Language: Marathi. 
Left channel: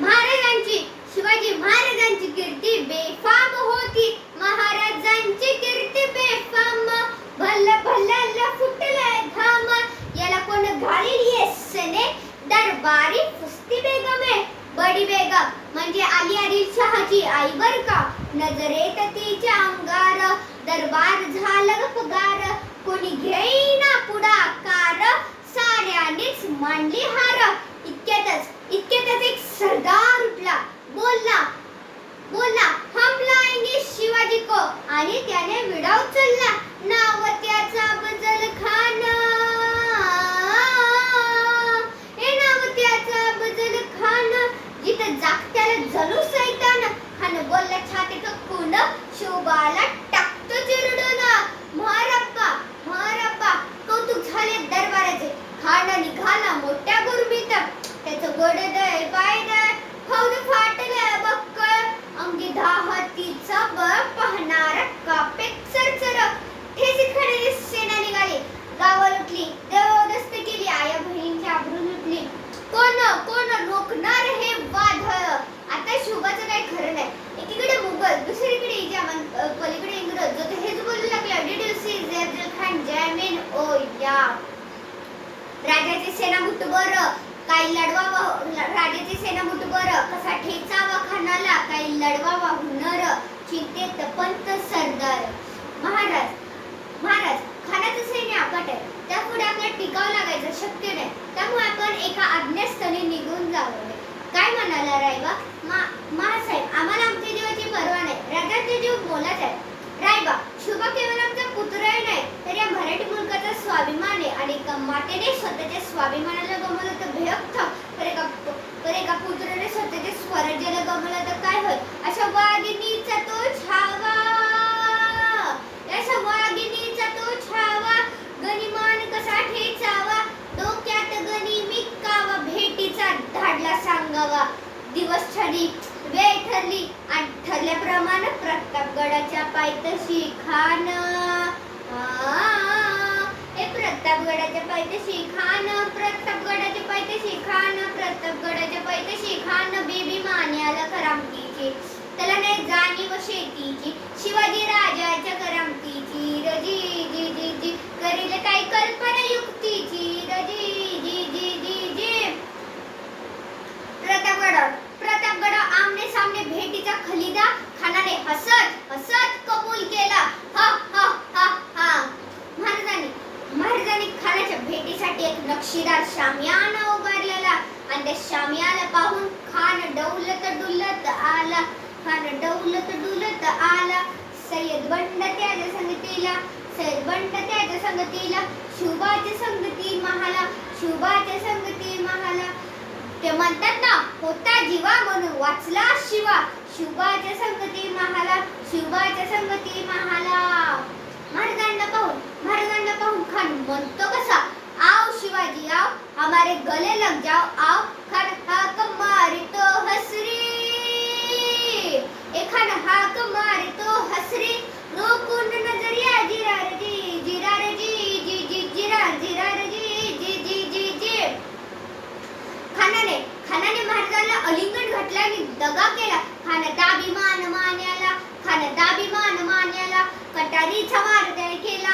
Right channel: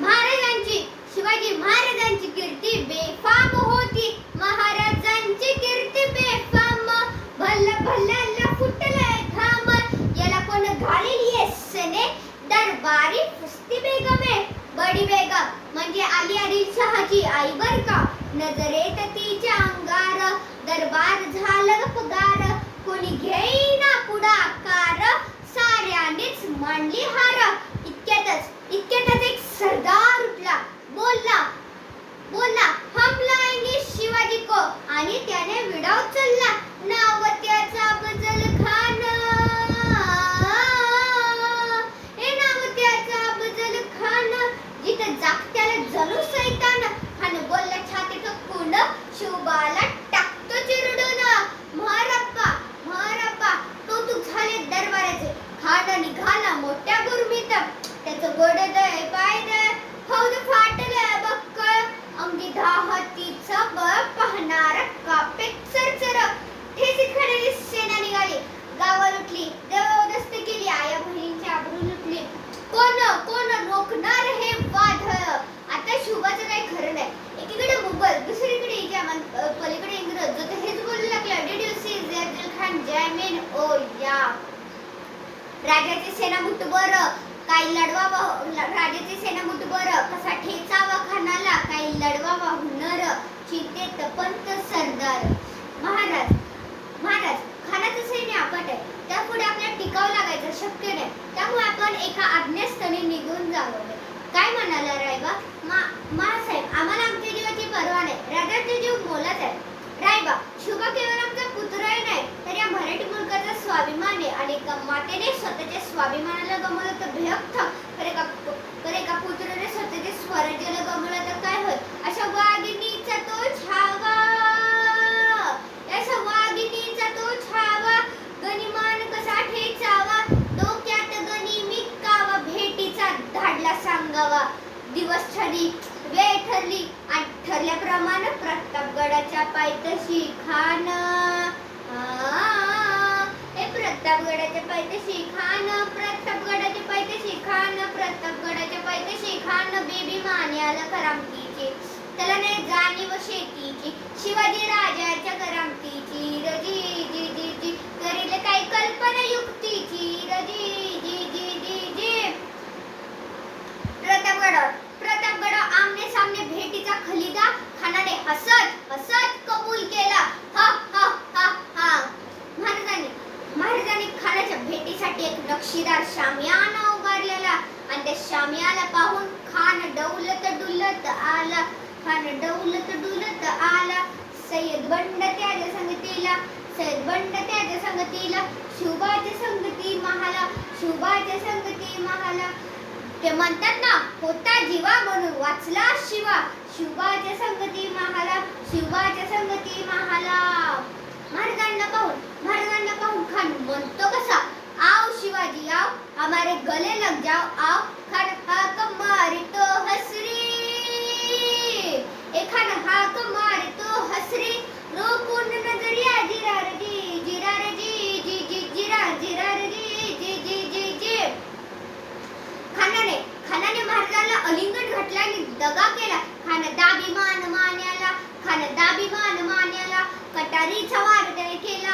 महाराजांची शिवाजी महाराजांची कीर्ती बेफाम होती. महाराजांची कीर्ती बेफाम. भल्ल भल्ल फुटलाय घाम. याला कोण घालील येसने दरबारी फुस्ती बेगम. आहे बडी बेगम म्हणजे आली आदिलशहाची आई बर का? नजरेत तिच्या अंगार. दरबार झालं पगार. कोणी घे सरदार उठला. बोलला बोलला हम लाएंगे शिवाजी को. आणि त्याने विडा उचलला नाव त्याचा बजल खान. हे नाव त्याचा बजल खान. जिथं जागत्याला जणू सैतान. खान बोलला छातीचं कुंड शोभाला गडदय गोड दय पाय फाटले बक्कळ अंगी धाहतीचं बळ पाहणार कापे चरचर. ठेसी खरेदी सेना निघाली. गावा लुटली देवदस्त केली आया बहिणींची आबरू लुटली. कोण कोण रोखणार हे वादळ आता शुभाचं काही खरं नाही. एकीकडे मुघल दुसरीकडे इजामन पलीकडे इंग्रज. जो हेच बोलू लागला. Did you see Afzal Khan जय मेन ओ या राजाची सेना मुठभर काही लढवा राजाची सेना मुठभर कसा ठेचावा खानाला काही लढवावा हुनर. चिंतेत पंत सरदार. महाराज महाराज खानाचं सैन्य आपट आहे. त्यापुढे आपल्याला टिकाव लागायचं शक्य नाही. त्यामुळे आपण एका आज्ञास्थळी निघून जावं. काय म्हणाला रायबा मा महासाहेब आम्हाला आमच्या जीवाची पर्वा नाही राजाचे जीव मोलाच आहे रायबा शुभा केवळ आमचा पुत्र नाही तर या मराठी मुलकाचा स्वाभिमान आहे मातेने स्वतःच्या स्वाभिमानाला गमवलं तर भयक करे एका तर का पुत्राने स्वतःच्या स्वराज्याला गमवलं तर काय होईल? अशा वाघिणीचा तो छावा. अशा वाघिणीचा तो छावा. गनिमान कसा ठेचावा? डोक्यात गणी कावा. भेटीचा धाडला सांगावा. दिवस ठरली वेळ ठरली आणि ठरल्याप्रमाणे प्रतापगडाच्या पायथशी खान आ, प्रतापगडाच्या पायथ्याशी खान प्रतापगडाच्या पायथ्याशी खान प्रतापगडाच्या पायथ्याशी खान बेबी मान्याला करामतीची. त्याला नाही जाणीव शेतीची. शिवाजी राजाच्या करामतीची. रजी जी जी जी. करील काही कल्पना युक्तीची. रजी जी जी जी जी. प्रतापगड प्रतापगड आमने सामने भेटीचा खलिदा खानाने हसत हसत कबूल केला हा हा हा हा महाराजांनी महाराजांनी खानाच्या भेटीसाठी एक नक्षीदार शामियाना उभारलेला आणि त्या शामियाला पाहून खान डौलत डुलत आला. खान डौलत डुलत आला. सय्यद बंड त्याच्या संगतीला सय्यद बंड त्याच्या संगतीला शुभाच्या संगती महाला शुभाच्या संगती महाला. ते म्हणतात ना होता जीवा म्हणून वाचला शिवा. शुभाच्या संगती महाला शुभाच्या संगती महाला. महाराजांना पाहून महाराजांना पाहून खान म्हणतो कसा? आओ शिवाजी आओ हमारे गले लग जाओ आओ खान हाक मारतो हसरी ए खान हाक मारतो हसरी रोकून नजरिया जिरार जी जिरार जी जी जी जिरार जिरार जी जी जी जी जी खानाने खानाने महाराजाला अलिंगण घातला आणि दगा केला खान दाभिमान मान्याला खान दाभिमान मान्याला कटारीचा वार त्याने केला